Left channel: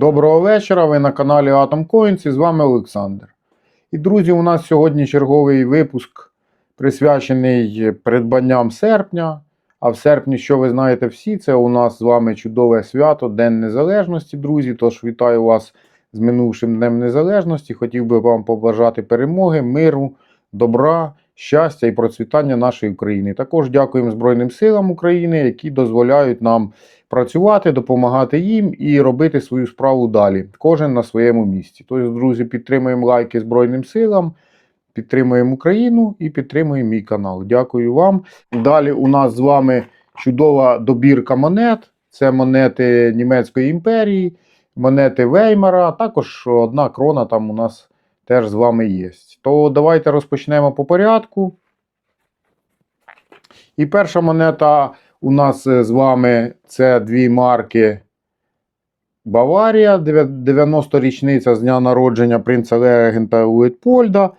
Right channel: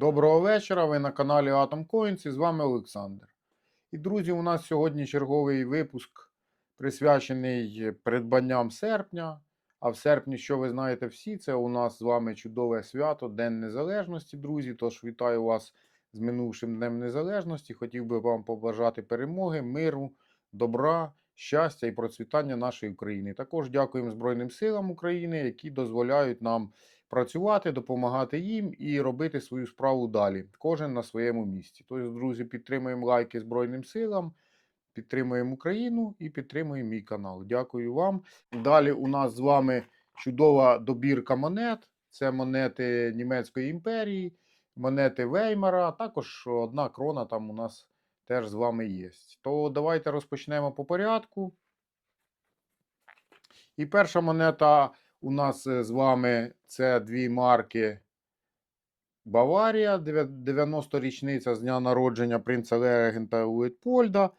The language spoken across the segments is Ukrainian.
Доброго вечора. Ви на каналі Atom Coins і з вами Олександр. І друзі, у нас сьогодні черговий випуск присвячений придбанням серпня. А в серпні, що ви знаєте всі, це у нас з вами чудове свято, День Незалежності, друзі. Тож вітаю вас з минувшим Днем Незалежності. Хотів би вам побажати перемоги, миру, добра, щастя і процвітання нашої України. Також дякуємо Збройним силам України, які дозволяють нам працювати, допомагати їм і робити свою справу далі. Кожен на своєму місці. Тож, друзі, підтримуємо лайки Збройним силам, підтримуємо Україну і підтримуємо мій канал. Дякую вам. Далі у нас з вами чудова добірка монет. Це монети Німецької імперії, монети Веймара, також одна крона там у нас теж з вами є. То давайте розпочнемо по порядку. І перша монета у нас е, з вами це дві марки Баварія, 90-річниця з дня народження принца Легента Уітпольда,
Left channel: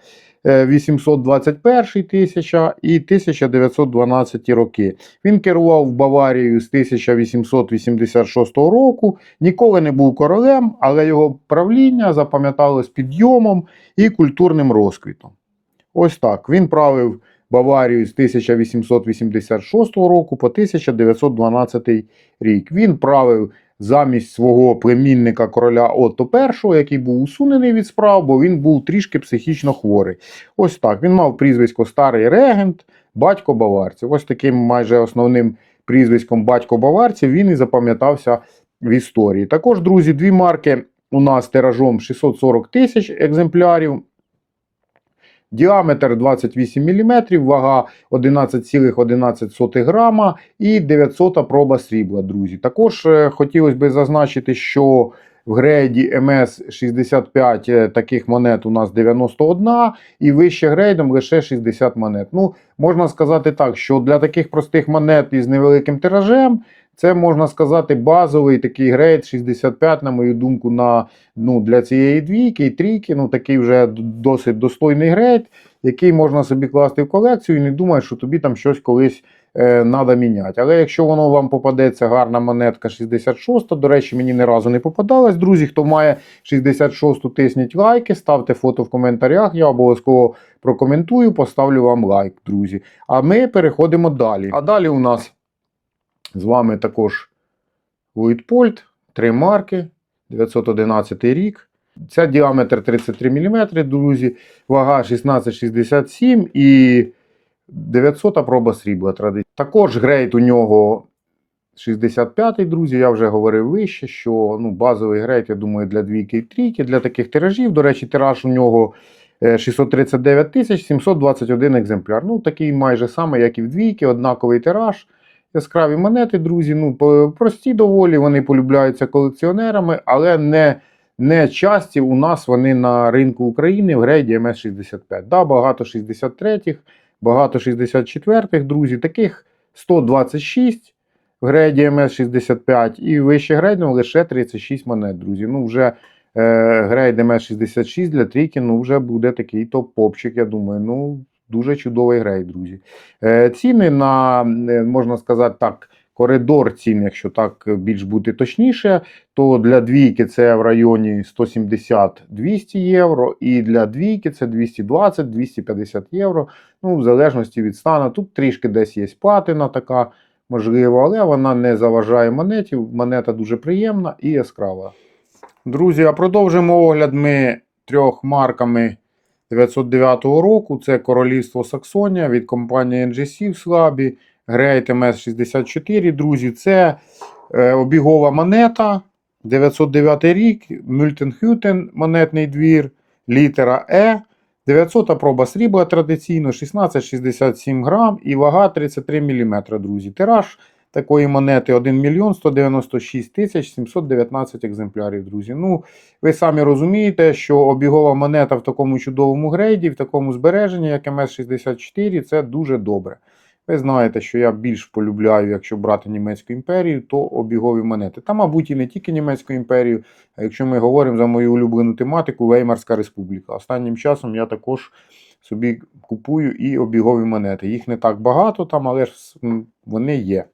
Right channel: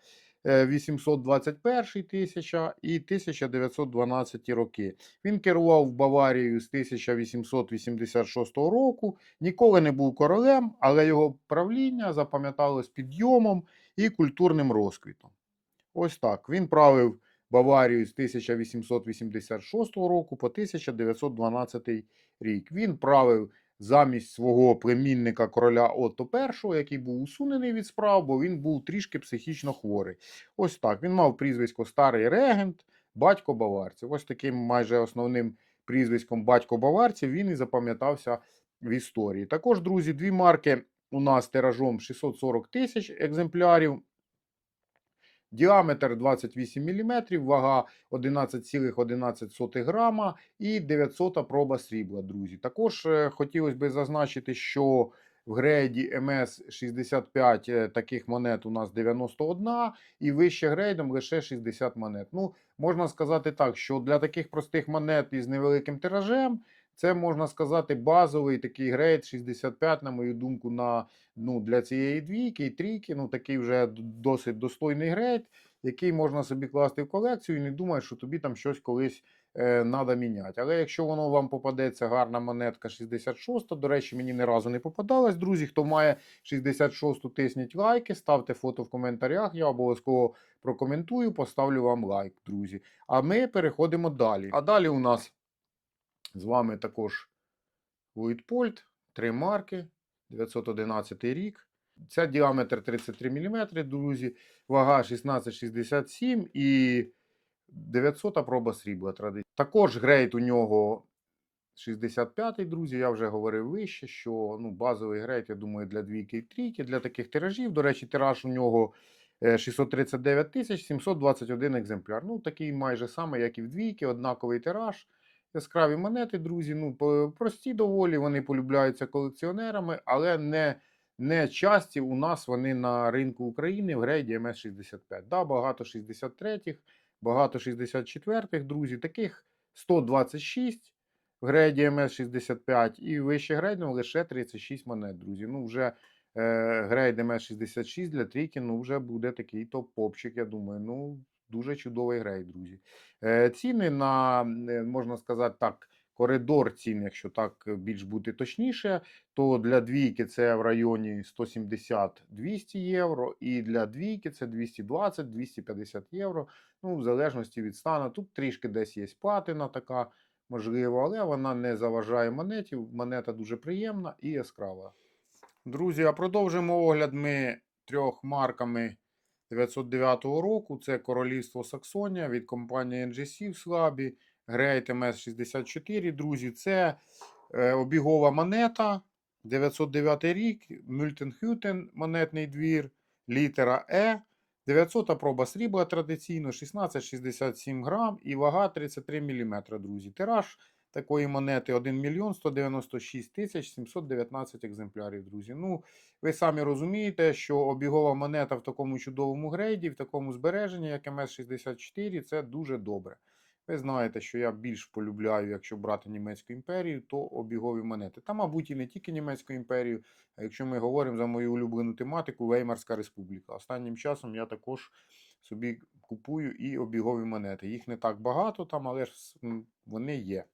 е, 821 тисяча і 1912 роки. Він керував Баварією з 1886 року, ніколи не був королем, але його правління запам'яталось підйомом і культурним розквітом. Ось так. Він правив Баварію з 1886 року по 1912 рік. Він правив замість свого племінника короля Отто І, який був усунений від справ, бо він був трішки психічно хворий. Ось так. Він мав прізвисько Старий регент, батько баварців. Ось таким майже основним прізвиськом батько баварців він і запам'ятався в історії. Також, друзі, дві марки у нас тиражом 640 тисяч екземплярів. Діаметр 28 мм, вага 11,11 грама і 900 проба срібла, друзі. Також е, хотілося б зазначити, що в грейді МС-65 е, таких монет у нас 91 і вище грейдом лише 60 монет. Ну, можна сказати так, що для таких простих монет із невеликим тиражем це можна сказати базовий такий грейд 65, на мою думку, на, ну, для цієї двійки і трійки. Ну, такий вже досить достойний грейд, який можна собі класти в колекцію і не думаю, що тобі там щось колись треба міняти. Але якщо воно вам попадеться гарна монетка 66, до речі, мені ні разу не попадалась. Друзі, хто має 66, тисніть лайки, ставте фото в коментарях. Я обов'язково прокоментую, поставлю вам лайк, друзі. А ми переходимо далі. А далі у нас. З вами також Луїтпольт, три марки, 911 рік. Це діаметр 33 мм, друзі, вага 1667 і 900 проба срібла. Також грейд у нього 65 друзі. Я вже говорив вище, що ну, базовий грейд, я думаю, для двійки і трійки, для таких тиражів. До речі, тираж у нього 639 721 екземпляр. Ну, такий майже самий, як і в двійки, однаковий тираж. Яскраві монети, друзі, ну, прості доволі, вони полюбляються колекціонерами, але не не часті у нас вони на ринку України в грейді МС-65. Да, Багато 63-х, багато 64-х, друзі, таких 126 в грейді МС-65 і вище грейдом лише 36 монет, друзі. Ну, вже е, грейд МС-66 для трійки ну, вже буде такий топ-попчик, я думаю. ну, Дуже чудовий грей, друзі. Е, ціни на, е, можна сказати так, коридор цін, якщо так більш бути точніше, то для двійки це в районі 170-200 євро, і для двійки це 220-250 євро. Ну, в залежності від стану. Тут трішки десь є патина така, можливо, але вона не заважає монеті. Монета дуже приємна і яскрава. Друзі, а продовжимо огляд ми трьох марками. 909 року це Королівство Саксонія від компанії NGC в Слабі, Great MS64. Друзі, це е, обігова монета. 909 рік, Мюльтенхютен, монетний двір, літера Е. 900 проба срібла традиційно, 1667 грам і вага 33 мм, друзі. Тираж такої монети 1 мільйон 196 тисяч 719 екземплярів, друзі. Ну, ви самі розумієте, що обігова монета в такому чудовому грейді, в такому збереженні, як МС-64, це дуже добре. Ви знаєте, що я більш полюбляю, якщо брати Німецьку імперію, то обігові монети. Та, мабуть, і не тільки Німецьку імперію, а якщо ми говоримо за мою улюблену тематику, Веймарська республіка. Останнім часом я також собі купую і обігові монети. Їх не так багато там, але ж вони є.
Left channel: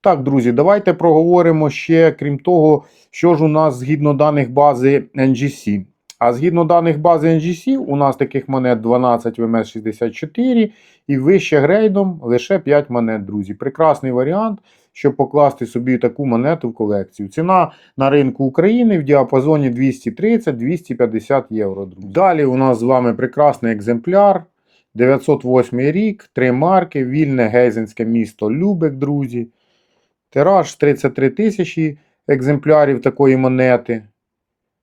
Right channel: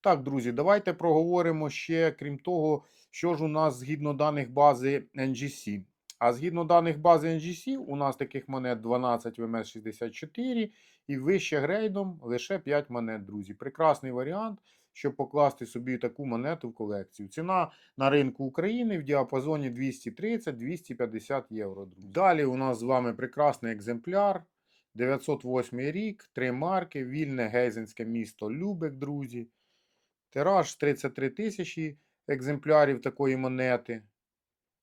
Так, друзі, давайте проговоримо ще, крім того, Що ж у нас згідно даних бази NGC? А згідно даних бази NGC, у нас таких монет 12 ВМС64 і вище грейдом лише 5 монет, друзі. Прекрасний варіант, щоб покласти собі таку монету в колекцію. Ціна на ринку України в діапазоні 230-250 євро. Друзі. Далі у нас з вами прекрасний екземпляр. 908 рік, три марки, вільне гейзенське місто Любек, друзі. Тираж 33 тисячі екземплярів такої монети.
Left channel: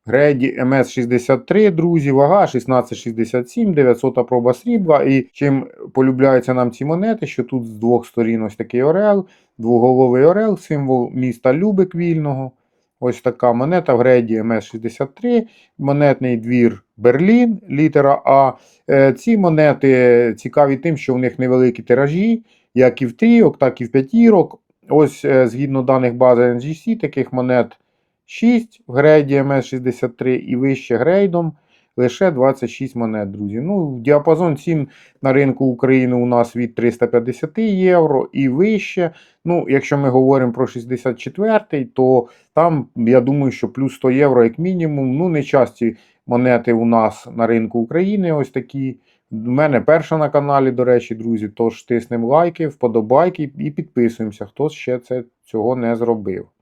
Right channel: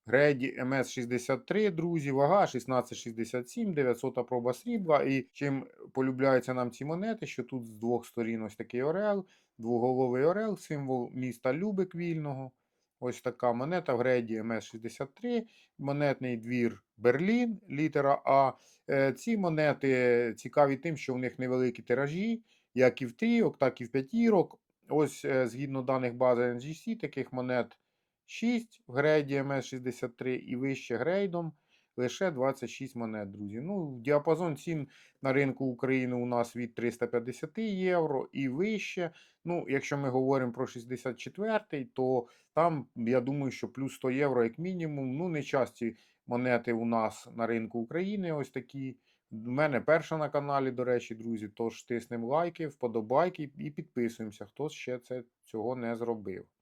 Греді МС-63, друзі, вага 1667, 900 проба срібла. І чим полюбляються нам ці монети, що тут з двох сторін ось такий орел, двоголовий орел, символ міста Любек вільного. Ось така монета в греді МС-63, монетний двір Берлін, літера А. Е, Ці монети цікаві тим, що в них невеликі тиражі, як і в трійок, так і в п'ятірок. Ось е, згідно даних бази NGC, таких монет 6 в грейді МС-63 і вище грейдом лише 26 монет, друзі. Ну, діапазон цін на ринку України у нас від 350 євро і вище. Ну, якщо ми говоримо про 64-й, то там, я думаю, що плюс 100 євро як мінімум. Ну, не часті монети у нас на ринку України ось такі. У мене перша на каналі, до речі, друзі. Тож тиснемо лайки, вподобайки і підписуємося, хто ще це, цього не зробив.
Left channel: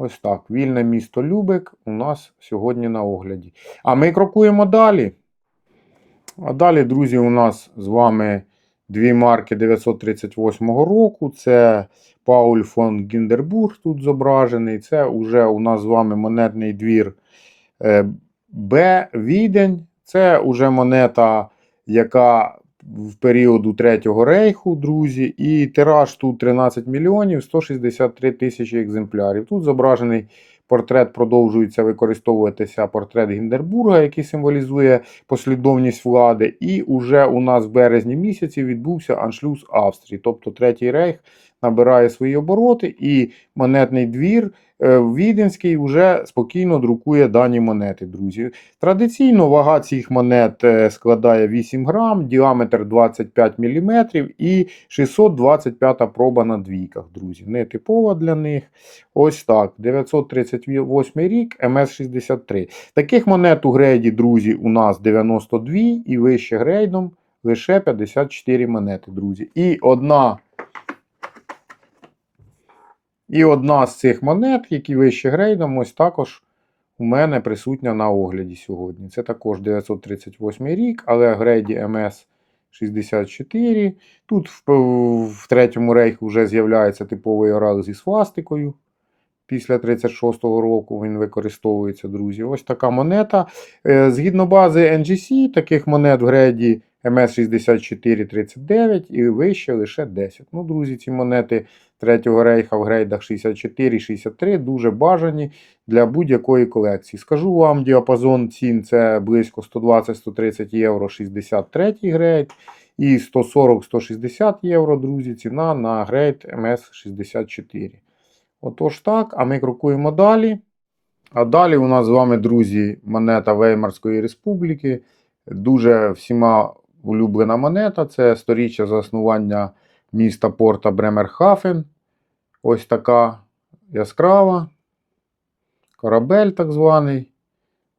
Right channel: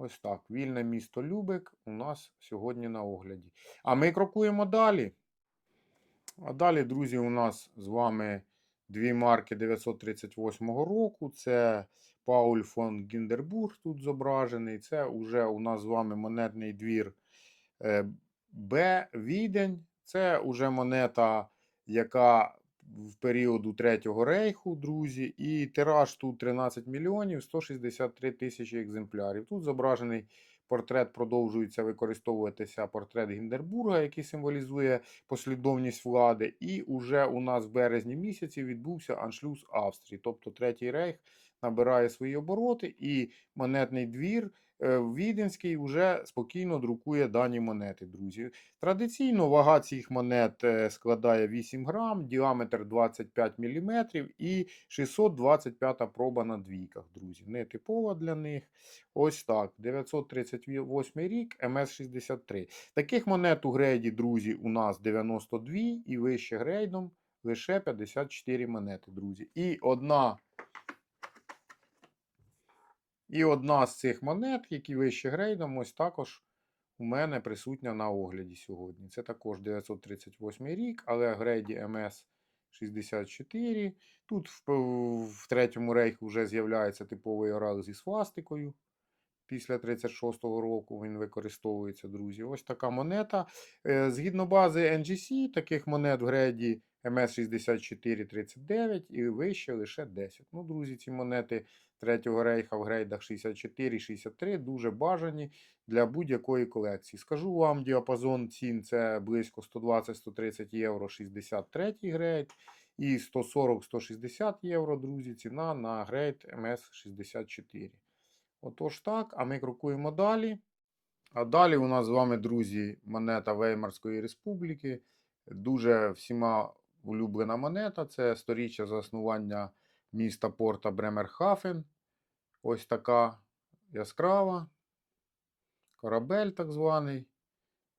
Ось так. Вільне місто Любек у нас сьогодні на огляді. А ми крокуємо далі. А далі, друзі, у нас з вами дві марки 938 року. Це Пауль фон Гіндербург тут зображений. Це вже у нас з вами монетний двір е, Б. Відень. Це вже монета, яка в періоду Третього рейху, друзі, і тираж тут 13 мільйонів 163 тисячі екземплярів. Тут зображений портрет, продовжується використовуватися портрет Гіндербурга, який символізує послідовність влади. І уже у нас в березні місяці відбувся аншлюз Австрії, тобто Третій рейх набирає свої обороти, і монетний двір. Е, Віденський вже спокійно друкує дані монети, друзі. Традиційно вага цих монет е, складає 8 грам, діаметр 25 мм і 625 проба на двійках, друзі. Нетипова для них. Ось так. 938 рік, МС-63. Таких монет у грейді, друзі, у нас 92 і вище грейдом лише 54 монети, друзі. І одна. І одна з цих монет, які вище грейдом, ось також у мене присутня на огляді сьогодні. Це також 938 рік, але грейді МС 64. Тут в, в третьому рейху вже з'являється типовий орел зі свастикою. Після 36-го року він використовується, друзі. Ось така монета. Е, Згідно бази NGC, таких монет в греді МС-64-39 і вище лише 10. Ну, друзі, ці монети Третього рейха в грейдах 64-63 дуже бажані для будь-якої колекції. Скажу вам, діапазон цін це близько 120-130 євро 63 грейд і 140-160 євро, друзі, ціна на грейд МС-64. Отож так, а ми крокуємо далі. А далі у нас з вами, друзі, монета Веймарської республіки. Дуже всіма улюблена монета. Це сторіччя заснування міста Порта Бремерхафен. Ось така яскрава. Корабель так званий.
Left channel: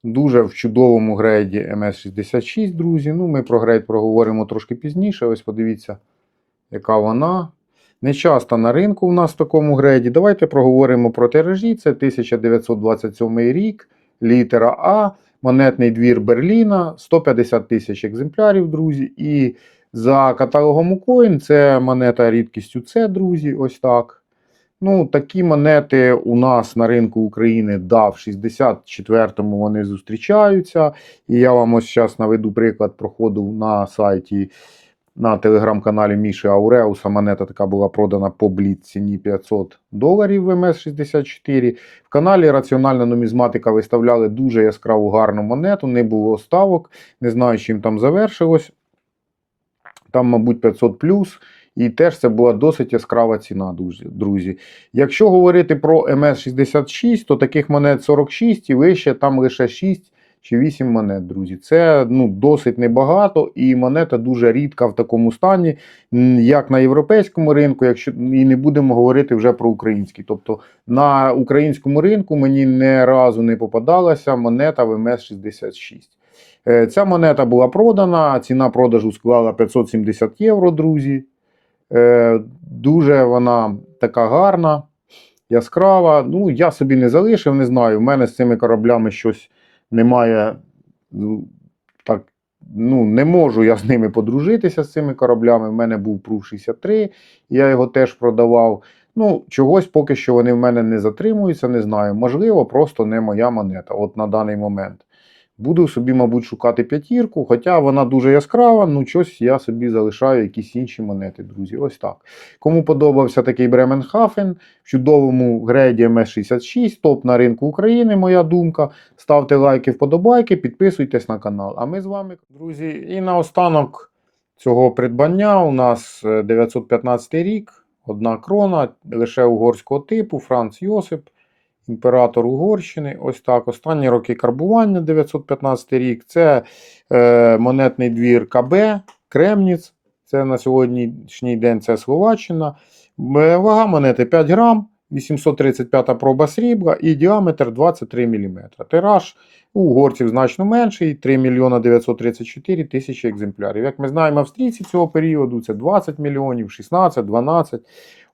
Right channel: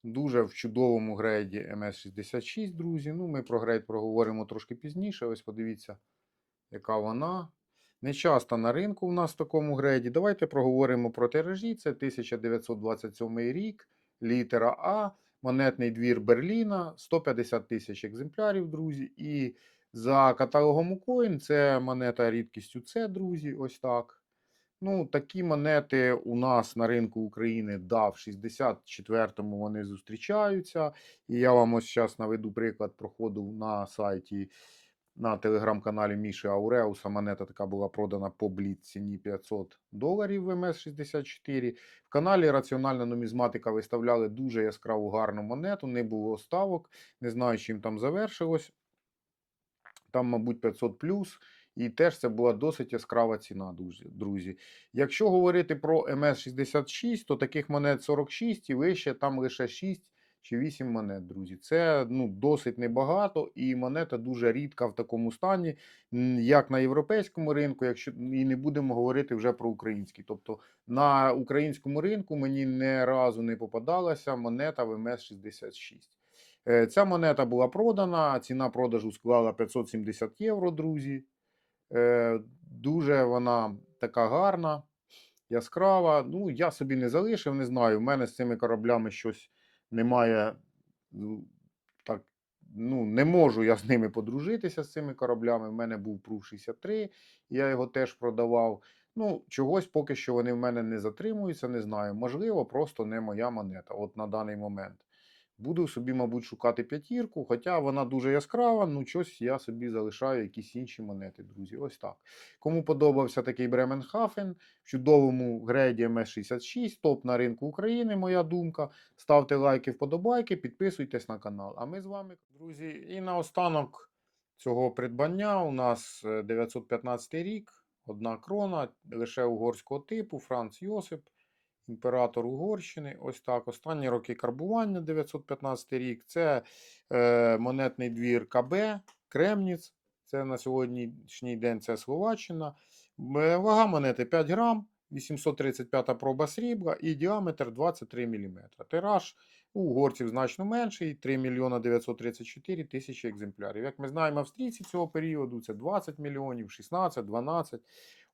Дуже в чудовому грейді МС-66, друзі. Ну, ми про грейд проговоримо трошки пізніше. Ось подивіться, яка вона. Не часто на ринку у нас в такому грейді. Давайте проговоримо про тиражі. Це 1927 рік, літера А, монетний двір Берліна, 150 тисяч екземплярів, друзі. І за каталогом Укоін це монета рідкістю С, друзі. Ось так. Ну, такі монети у нас на ринку України да, в 64-му вони зустрічаються. І я вам ось зараз наведу приклад проходу на сайті на телеграм-каналі Міші Ауреуса. Монета така була продана по бліт ціні 500 доларів в МС-64. В каналі Раціональна нумізматика виставляли дуже яскраву гарну монету, не було ставок. Не знаю, чим там завершилось. Там, мабуть, 500 плюс. І теж це була досить яскрава ціна, друзі. Якщо говорити про МС-66, то таких монет 46 і вище там лише 6 чи 8 монет, друзі. Це ну, досить небагато, і монета дуже рідка в такому стані, як на європейському ринку, якщо і не будемо говорити вже про український. Тобто на українському ринку мені не разу не попадалася монета ВМС-66. Е, Ця монета була продана, ціна продажу склала 570 євро, друзі. Е, Дуже вона така гарна, яскрава. Ну, я собі не залишив, не знаю. У мене з цими кораблями щось немає. Ну, так, ну, не можу я з ними подружитися з цими кораблями. У мене був Прув 63, я його теж продавав. Ну, чогось поки що вони в мене не затримуються, не знаю. Можливо, просто не моя монета от на даний момент. Буду собі, мабуть, шукати п'ятірку, хоча вона дуже яскрава, ну щось я собі залишаю якісь інші монети, друзі. Ось так. Кому подобався такий Бременхафен в чудовому грейді МС66, топ на ринку України, моя думка. Ставте лайки, вподобайки, підписуйтесь на канал. А ми з вами, друзі, і наостанок цього придбання у нас е, 915 рік, одна крона, лише угорського типу, Франц Йосип імператор Угорщини. Ось так. Останні роки карбування 915 рік. Це е, монетний двір КБ, Кремніц. Це на сьогоднішній день це Словаччина. Е, Вага монети 5 грам, 835 проба срібла і діаметр 23 мм. Тираж у угорців значно менший 3 мільйона 934 тисячі екземплярів. Як ми знаємо, австрійці цього періоду це 20 мільйонів, 16, 12.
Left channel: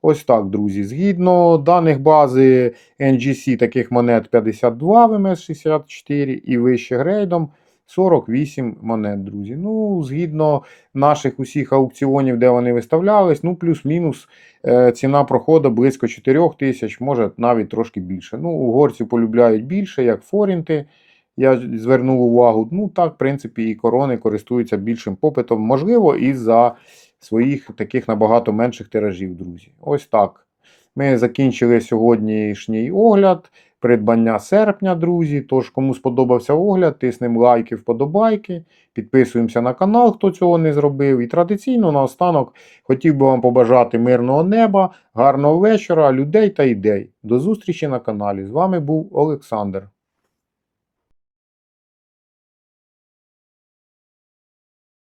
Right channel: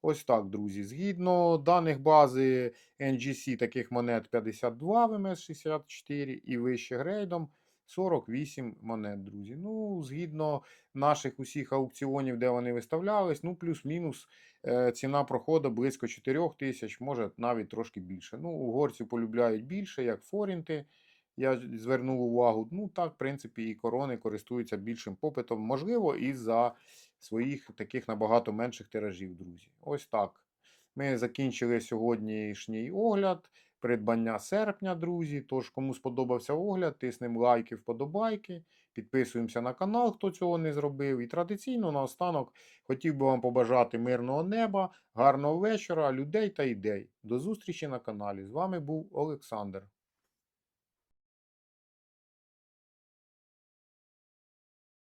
Ось так, друзі. Згідно даних бази NGC таких монет 52 в МС64 і вище грейдом 48 монет, друзі. Ну, згідно наших усіх аукціонів, де вони виставлялись, ну, плюс-мінус е, ціна проходу близько 4 тисяч, може навіть трошки більше. Ну, угорці полюбляють більше, як форінти. Я звернув увагу. Ну, так, в принципі, і корони користуються більшим попитом, можливо, із-за своїх таких набагато менших тиражів, друзі. Ось так. Ми закінчили сьогоднішній огляд. Придбання серпня, друзі. Тож, кому сподобався огляд, тиснемо лайки, вподобайки, підписуємося на канал, хто цього не зробив. І традиційно наостанок хотів би вам побажати мирного неба, гарного вечора, людей та ідей. До зустрічі на каналі. З вами був Олександр.